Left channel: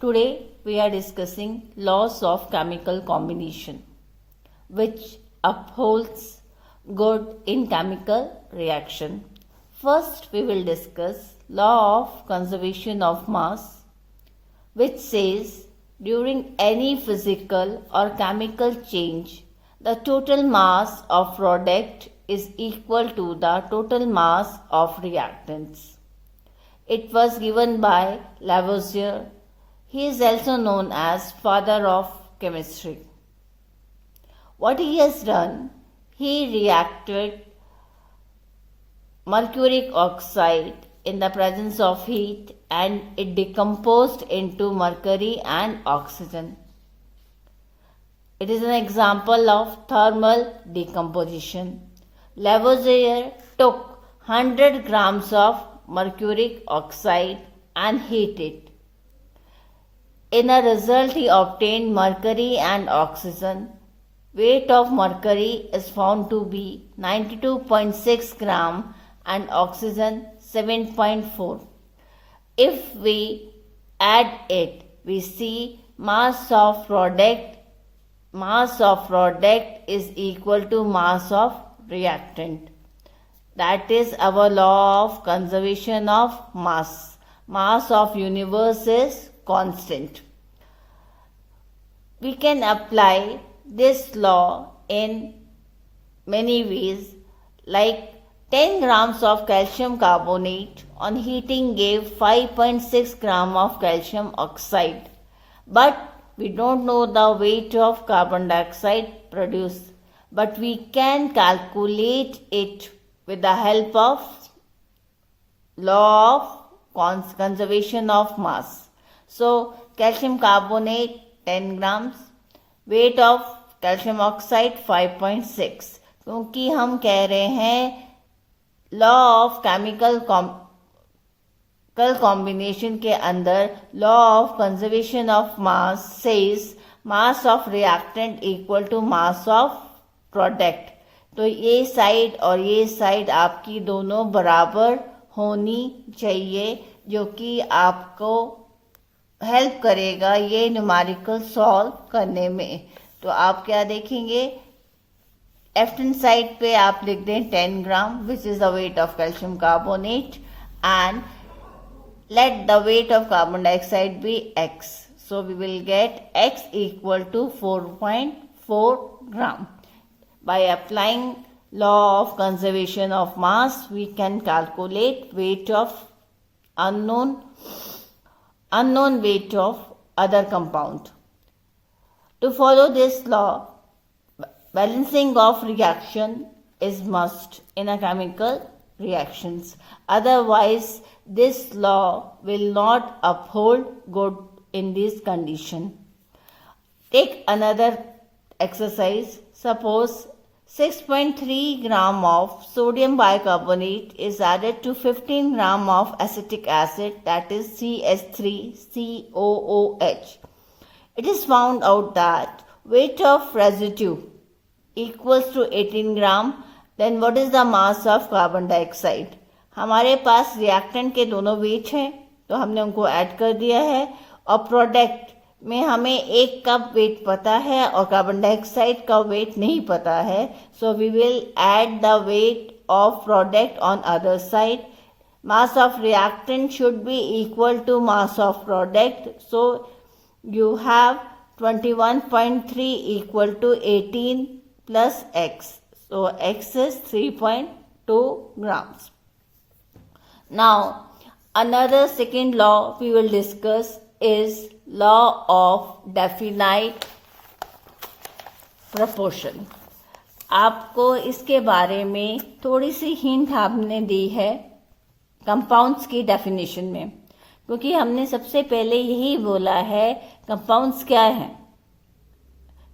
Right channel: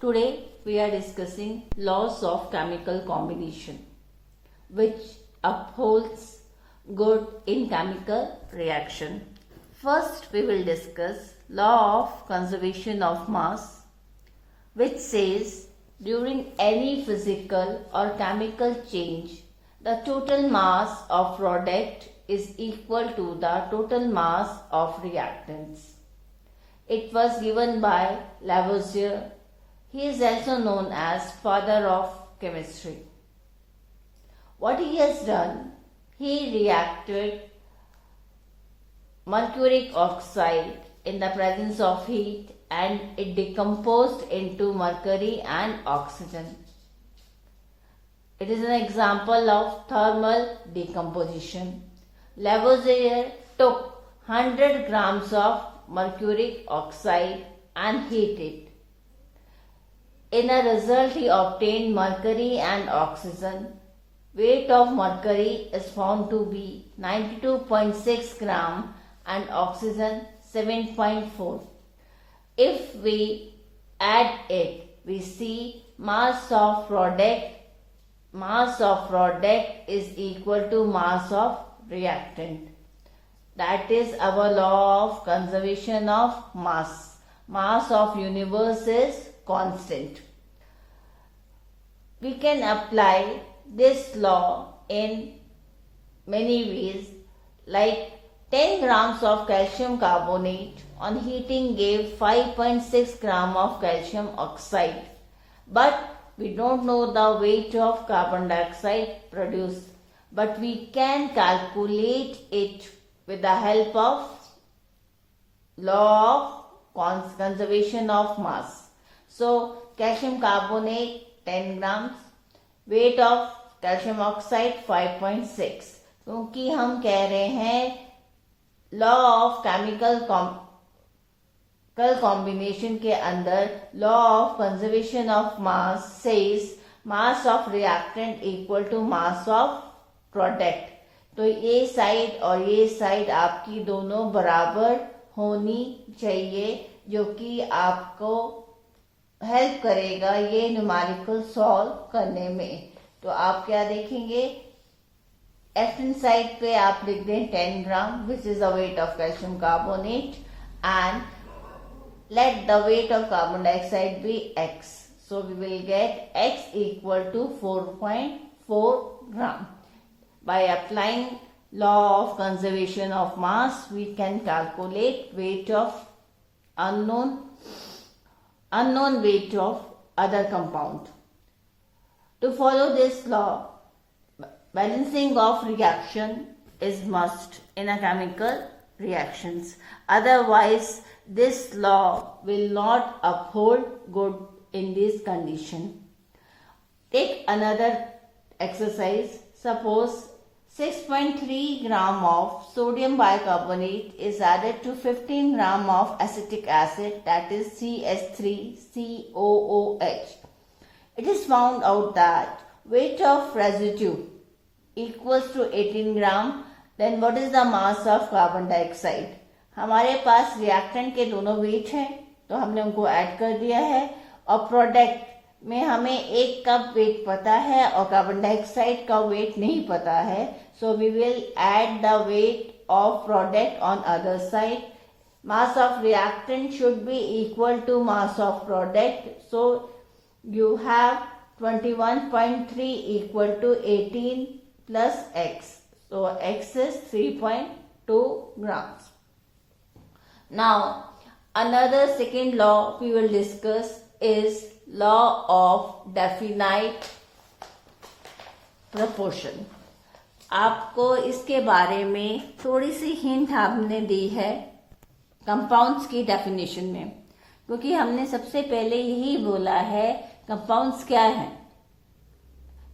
Today we are discussing laws of chemical combination which upholds good in chemical reaction. First we will discuss law of conservation of mass which says during any physical or chemical change the total mass of product is equal to the total mass of reactants. It was given by Lavoisier. He is also known as father of chemistry. What he has done, he reacted mercuric oxide in the presence of heat and it decomposed into mercury and oxygen. It is an example of thermal decomposition. Lavoisier took 100 grams of mercuric oxide and heated. In a result, he obtained mercury and oxygen. Weight of mercury is found to be 92.6 gram and oxygen 7.4. If we add it, we see mass of product is equal to mass of reactant. That is our law of conservation of mass. Mass of universe is constant. We can apply this law in many ways, like 10 grams of calcium carbonate on heating gave 5.6 gram of calcium oxide. But we don't know the weight of carbon dioxide produced, but we can calculate it with the help of law of conservation of mass. So calcium carbonate 10 grams, weight of calcium oxide 5.6. क्योंकि हम कह रहे हैं law of chemical combination के अंदर law of conservation of mass says mass of reactant equal to mass of product. तो ये side और ये साइड आपकी दोनों बराबर होनी चाहिए, जो कि आपको हेल्प करेगा ये न्यूमेरिकल सॉल्व करने में. तो आप क्या देखेंगे, लेफ्ट हैंड साइड पे आप लिख दें 10 gram which is the weight of calcium carbonate and let the weight of carbon dioxide be x. So we will get x equal to 4.4 gram. By applying law of conservation of mass we can calculate weight of unknown weight of other compound. To follow this law, balancing of reaction is must in a chemical reactions. Otherwise, this law will not uphold good in this condition. Take another exercise. Suppose 6.3 gram of sodium bicarbonate is added to 15 gram of acetic acid, that is CH3COOH. It is found out that weight of residue equals to 18 gram. Then what is the mass of carbon dioxide? हमारे पास reactant के दोनों wait हैं, तो हमने उनको add कर दिया है, और प्रोडक्ट में हमें एक का वेट पता है और कार्बन डाइऑक्साइड का वेट नहीं पता है. So we will add the weight of product on other side. Mass of reactant should be equal to mass of product. So you have 21.3 equal to 18 plus x. So x is 3.2 grams. Now another second law we will discuss is law of definite proportion. आपको इसके बारे में थोड़ी सी hint हमने दी है compounds की definition में, क्योंकि हमने सबसे पहले यही बोला है कंपाउंड्स क्या हैं.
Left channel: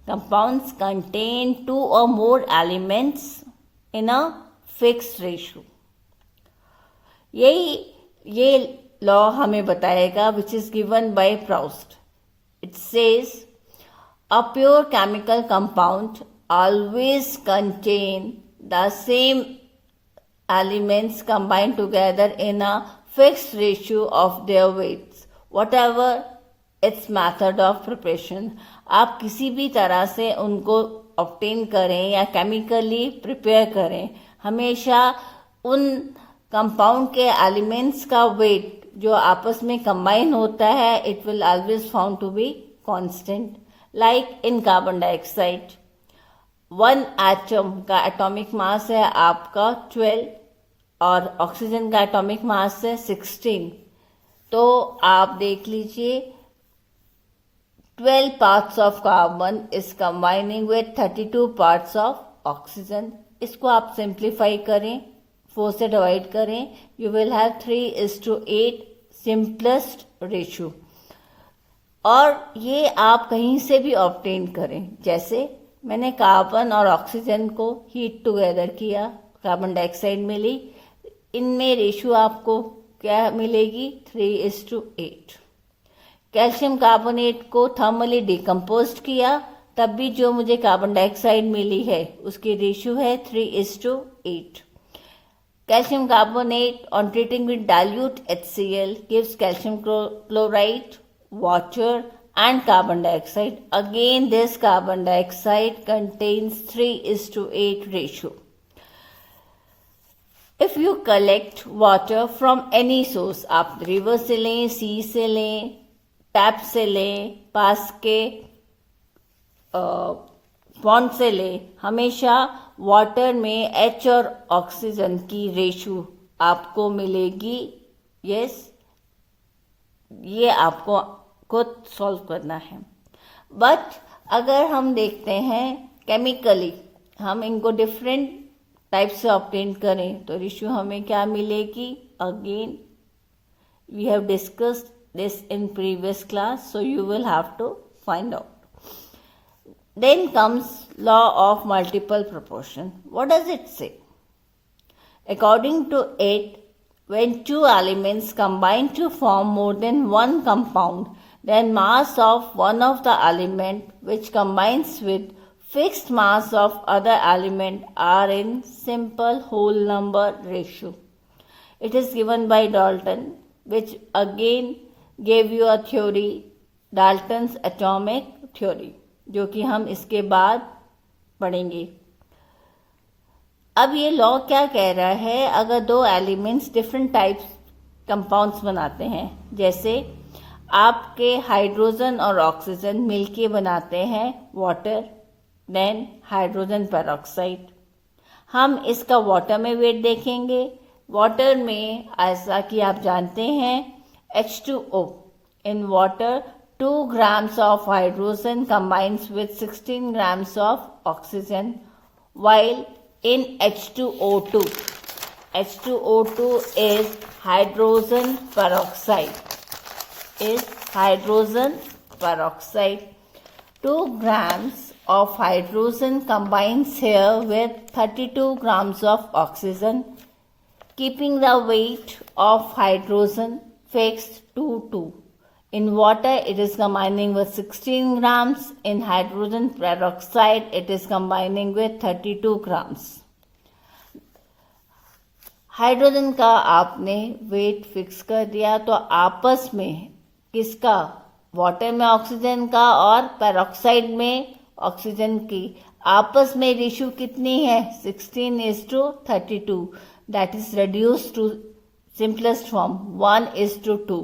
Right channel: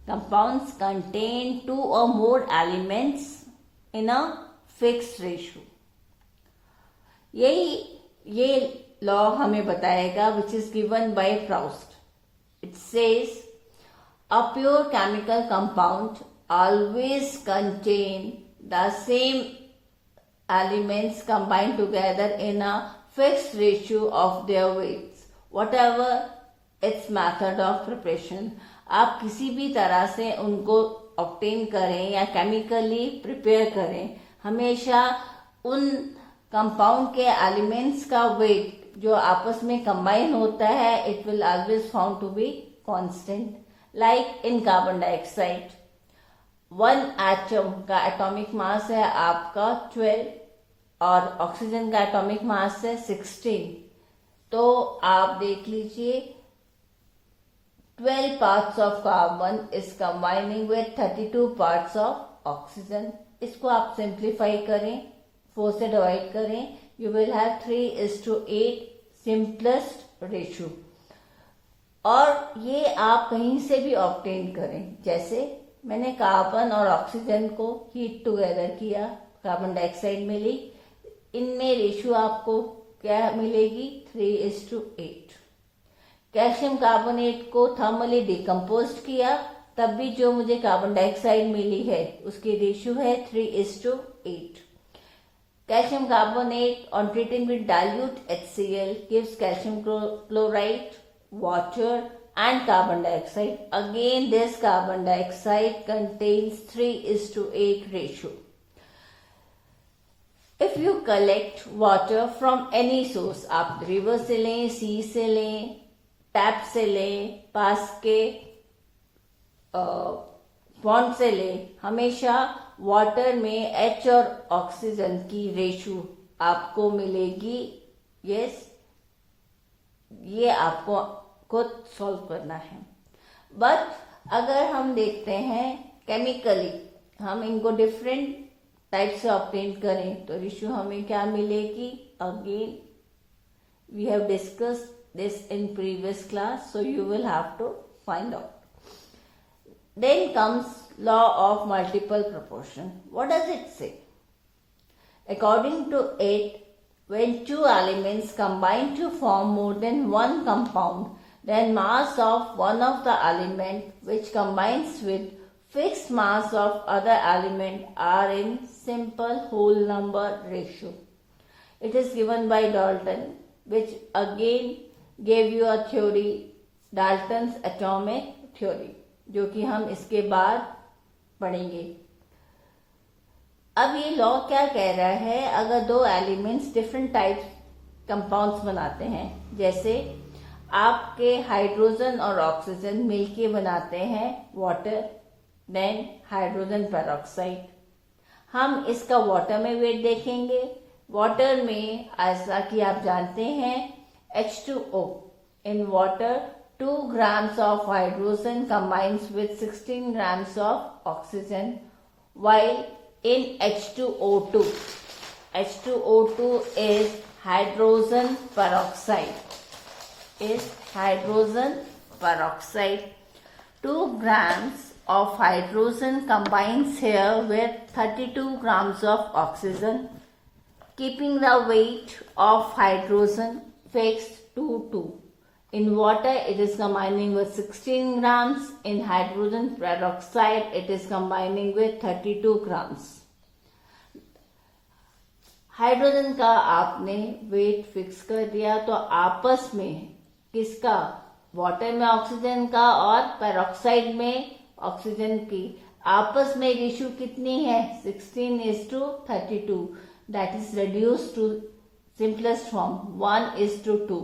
Compounds contain 2 or more elements in a fixed ratio. ये लॉ हमें बताएगा which is given by Proust. It says a pure chemical compound always contain the same elements combined together in a fixed ratio of their weights. Whatever it's method of preparation. आप किसी भी तरह से उनको obtain करें या chemically prepare करें, हमेशा उन कंपाउंड के एलिमेंट्स का वेट जो आपस में कंबाइन होता है, it will always found to be constant. Like in carbon dioxide, 1 atom का एटॉमिक मास है आपका 12 और ऑक्सीजन का एटॉमिक मास है 16। तो आप देख लीजिए 12 parts of carbon is combining with 32 parts of oxygen। इसको आप सिंप्लीफाई करें, 4 से डिवाइड करें, you will have 3:8 simplest ratio. और ये आप कहीं से भी ऑब्टेन करें, जैसे मैंने कार्बन और ऑक्सीजन को हीट टुगेदर किया, कार्बन डाइऑक्साइड मिली, इनमें रेशियो आपको क्या मिलेगी 3:8। कैल्शियम कार्बोनेट को थर्मली डिकम्पोज किया, तब भी जो मुझे कार्बन डाइऑक्साइड मिली है उसकी रेशियो है 3:8। Calcium carbonate on treating with dilute HCl gives calcium chloride, water and carbon dioxide. Again, this carbon dioxide contains 3:8 ratio. If you collect water from any source, आप river से लें, सी से लें, tap से लें, पास के पॉन्ड से लें, हमेशा वाटर में H और ऑक्सीजन की रेशियो आपको मिलेगी। यस, ये आपको खुद सॉल्व करना है। बट अगर हम देखते हैं केमिकली, हम इनको डिफरेंट टाइप से ऑब्टेन करें तो रेशियो हमें क्या मिलेगी। Again we have discussed this in previous class, so you will have to find out. Then comes law of multiple proportion. What does it say? According to it, when two elements combine to form more than one compound, then mass of one of the element which combines with fixed mass of other element are in simple whole number ratio. It is given by Dalton, which again gave you a theory, Dalton's atomic theory, जो कि हम इसके बाद पढ़ेंगे। अब ये law क्या कह रहा है, अगर दो एलिमेंट्स डिफरेंट टाइप्स कंपाउंड्स बनाते हैं, जैसे आपके हाइड्रोजन और ऑक्सीजन मिलके बनाते हैं वाटर, देन हाइड्रोजन पेरोक्साइड। हम इसका वाटर में वेट देखेंगे। वाटर में, ऐसा कि आप जानते हैं, H2O. In water, 2 grams of hydrogen combines with 16 grams of oxygen, while in H2O2 is hydrogen peroxide. 2 grams of hydrogen combines here with 32 grams of oxygen, keeping the weight of hydrogen fixed to 2. In water, it is combining with 16 grams. In hydrogen peroxide, it is combining with 32 grams. Hydrogen का आपने wait fix कर दिया, तो आपस में किसका, water में oxygen का और पेरोक्साइड में ऑक्सीजन की आपस में रेशियो कितनी है, 16:32. That is reduced to simplest form, 1:2.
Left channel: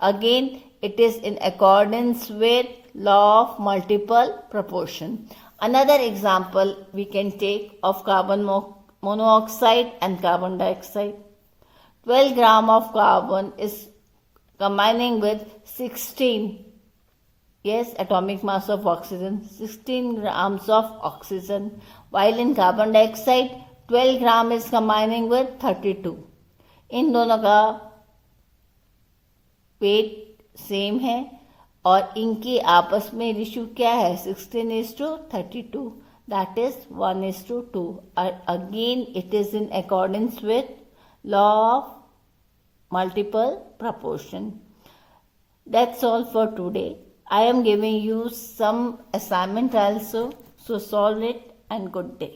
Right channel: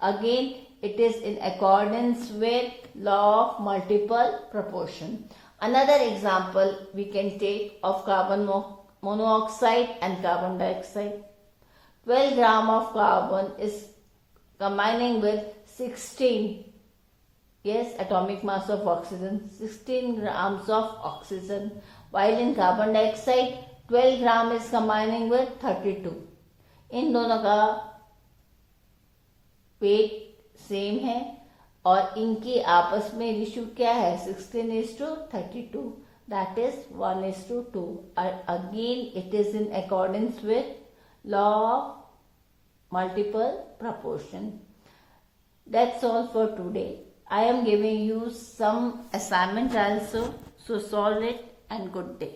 Again, it is in accordance with law of multiple proportion. Another example we can take of carbon monoxide and carbon dioxide. 12 grams of carbon is combining with 16, yes, atomic mass of oxygen, 16 grams of oxygen, while in carbon dioxide 12 grams is combining with 32. इन दोनों का weight same है और इनकी आपस में ratio क्या है, 16:32. That is 1:2. Again it is in accordance with law of multiple proportion. That's all for today. I am giving you some assignment also, so solve it and good day.